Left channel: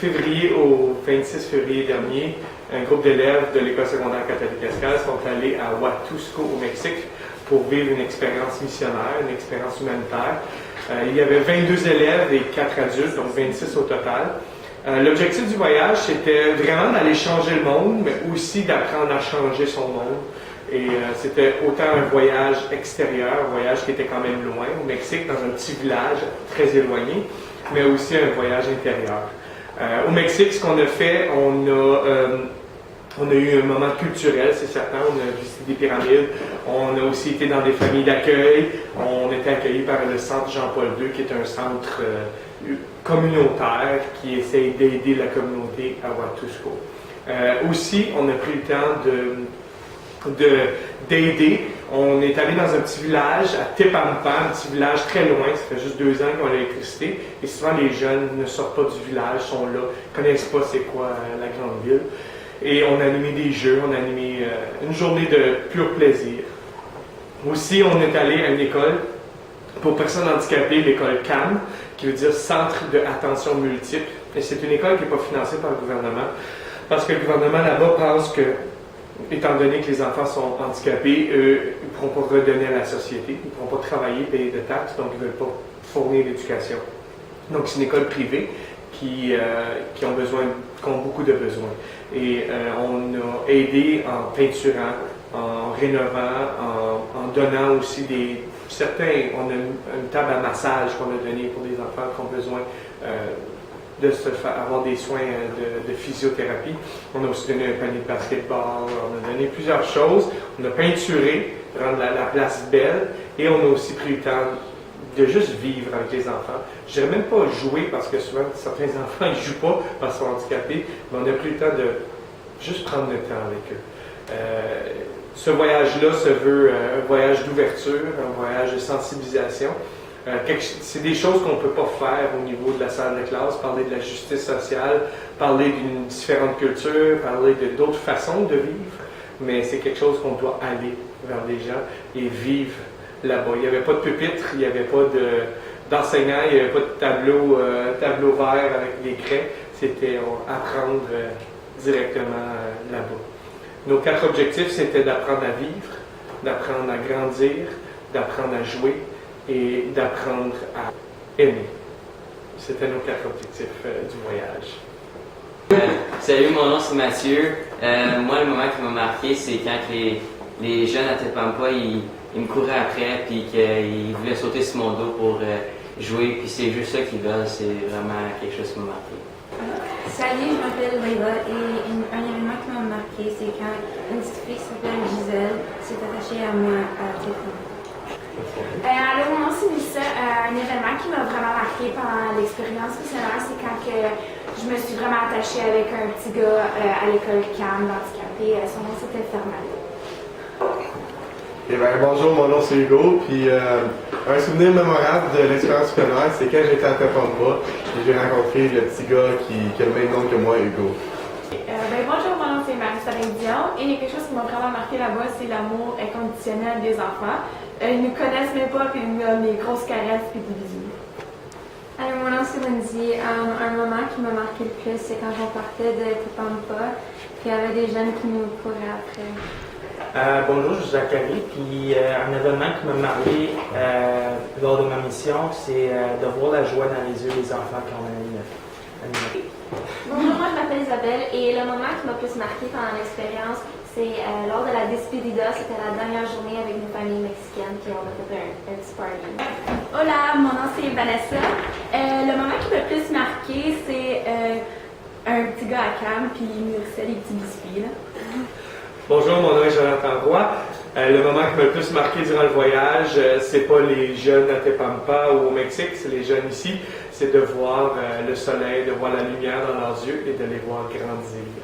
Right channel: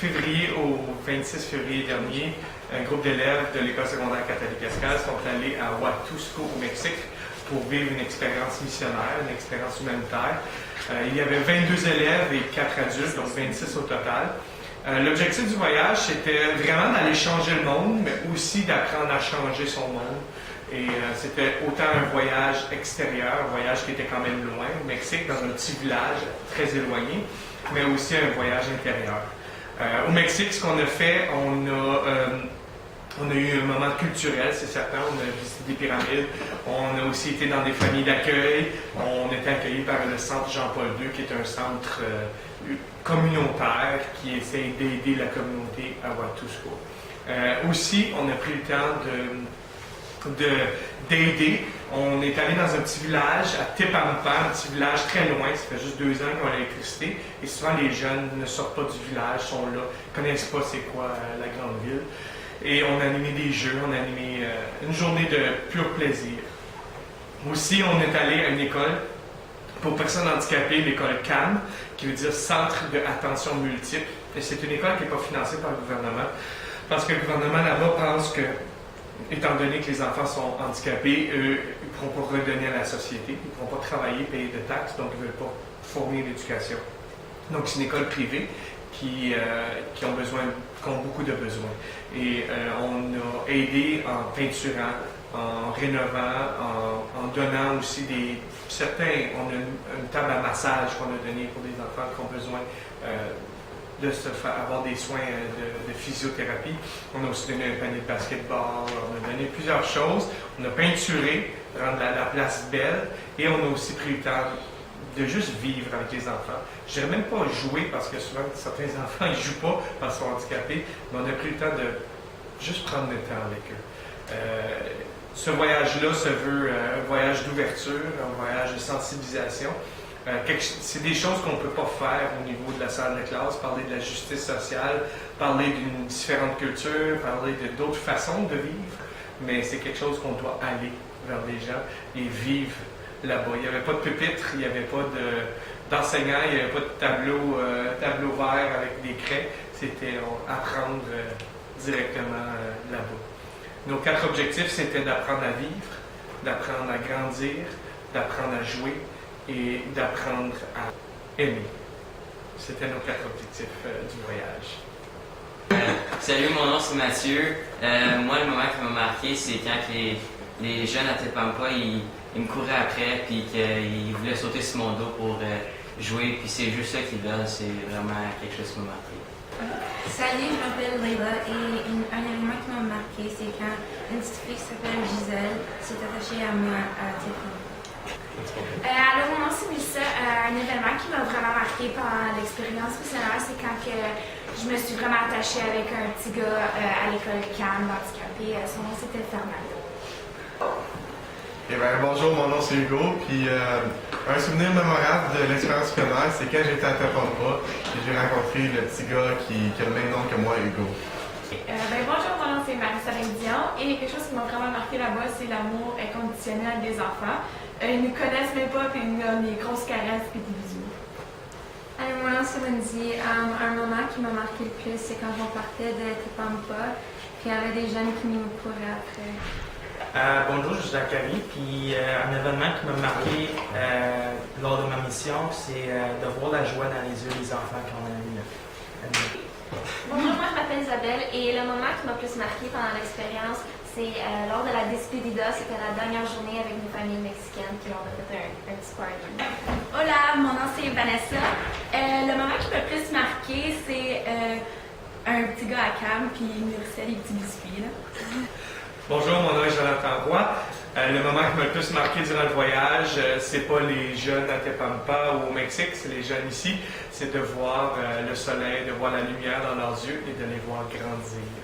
février au 26 février dernier, un groupe d'élèves de l'École secondaire catholique Escale sont allés à Huatusco au Mexique pour vivre une expérience missionnaire, une expérience humanitaire. Il y avait 22 élèves et 4 adultes, donc 26 au total. L'objectif du voyage, c'était vraiment d'aller changer le monde, mais aussi d'apprendre à changer son monde. Et c'était autant un voyage extérieur, un voyage qui était quand même loin, au Mexique, dans un petit village très éloigné, mais aussi un voyage intérieur. Au Mexique, ce qu'on a fait, on a eu un moment culturel, c'est certain. On a visité des pyramides. On a aussi été dans des familles d'accueil. On était accueillis par le Centre Jean-Paul II, qui est un centre communautaire qui essaye d'aider la communauté à Huatusco. Aussi, on a pris le temps d'aider. On est allé dans un petit village à Tepampa, un petit village très loin, ça fait juste 2 ans qu'ils ont l'électricité, et souvent les jeunes ne sortent pas du village, sont là, ne connaissent pas c'est quoi la grande ville. Et on a animé des jeux, on a animé une journée de pur plaisir. Aussi, on est allé à une école pour personnes handicapées, l'école CAM, qui veut dire Centre d'attention multiple. Et c'est une école qui n'est pas financée par le gouvernement, parce que le gouvernement là-bas pense que, étant donné que les enfants sont handicapés, ils ne pourront pas redonner à la société, ils ne pourront pas travailler, payer de taxes, donc ils ne veulent pas fournir l'éducation. Donc c'est une école privée qui ont beaucoup de besoins. Et on a aidé en peinturant, en rénovant, en donnant aussi on a une table à massage qu'on a donnée pour des enfants qui ont besoin avoir des soins de physiothérapie. On a aussi donné un panier de basketball, on a donné plusieurs choses. On a peinturé, rendre la place belle, et on a aussi pris le temps de juste vivre avec les enfants. Je dirais même pas jouer, parce que souvent certains enfants ils jouent pas parce qu'ils sont handicapés, mais on a pris le temps de juste prendre le temps avec eux. Ce voyage-là se veut un voyage d'ouverture, un voyage de sensibilisation. C'est des choses qu'on ne peut pas faire au niveau de la salle de classe, parler de la justice sociale, parler d'une différente culture, parler d'autres façons de vivre, mais c'est quelque chose qu'on doit aller vers les gens et vivre là-bas. Il n'y avait pas de pupitre, il n'y avait pas d'enseignant, il n'y avait pas de tableau vert avec des craies. C'était apprendre directement là-bas. Nos 4 objectifs, c'était d'apprendre à vivre, d'apprendre à grandir, d'apprendre à jouer et d'apprendre à aimer. C'était nos 4 objectifs du voyage. Salut, mon nom c'est Mathieu. Moi, le moment qui m'a marqué, c'est quand les jeunes à Tepampa, ils me couraient après, puis qu'ils voulaient sauter sur mon dos pour jouer, puis c'est juste ça qu'ils veulent, c'est vraiment quelque chose qui m'a marqué. Salut, je m'appelle Leila et un événement qui m'a marqué, c'est quand une petite fille qui s'appelle Gisèle s'est attachée à moi à Tepampa. Alors, mon nom c'est Mélissa. Un événement qui m'a vraiment marqué pendant l'expérience missionnaire, c'est quand je me suis vraiment attachée avec un petit gars à l'école CAM, handicapé. Son nom c'était Fernando. Eh bien, bonjour, mon nom c'est Hugo, puis un souvenir mémorable de l'expérience missionnaire, c'est quand j'étais à Tepampa et j'ai rencontré le petit gars qui a le même nom que moi, Hugo. Bonjour, mon nom c'est Marissa Dion et quelque chose qui m'a vraiment marqué là-bas, c'est l'amour inconditionnel des enfants. Ils nous connaissent même pas, puis ils nous donnent des grosses caresses et des bisous. Alors, mon nom c'est Lindsay. Un moment qui m'a marqué le plus, c'est quand on partait de Tepampa, puis il y avait des jeunes qui nous couraient après. Bonjour, je suis Zachary, puis un événement qui m'a marqué lors de ma mission, c'est de voir la joie dans les yeux des enfants quand on a animé. Bonjour, moi je m'appelle Isabelle et le moment qui m'a plus marqué pendant l'expérience, c'est lors de la despedida, c'était la dernière journée avec une famille mexicaine puis on a fait un petit party. Hola, mon nom c'est Vanessa. Le moment qui m'a plus marqué, c'est un petit gars à Cam puis il nourrissait des petits biscuits. Là. Bonjour, mon nom est Jonathan Roy. Le moment qui m'a le plus marqué durant le voyage, c'est pas les jeunes à Tepampa ou au Mexique, c'est les jeunes ici. C'est de voir le soleil, de voir la lumière dans leurs yeux et de les voir grandir.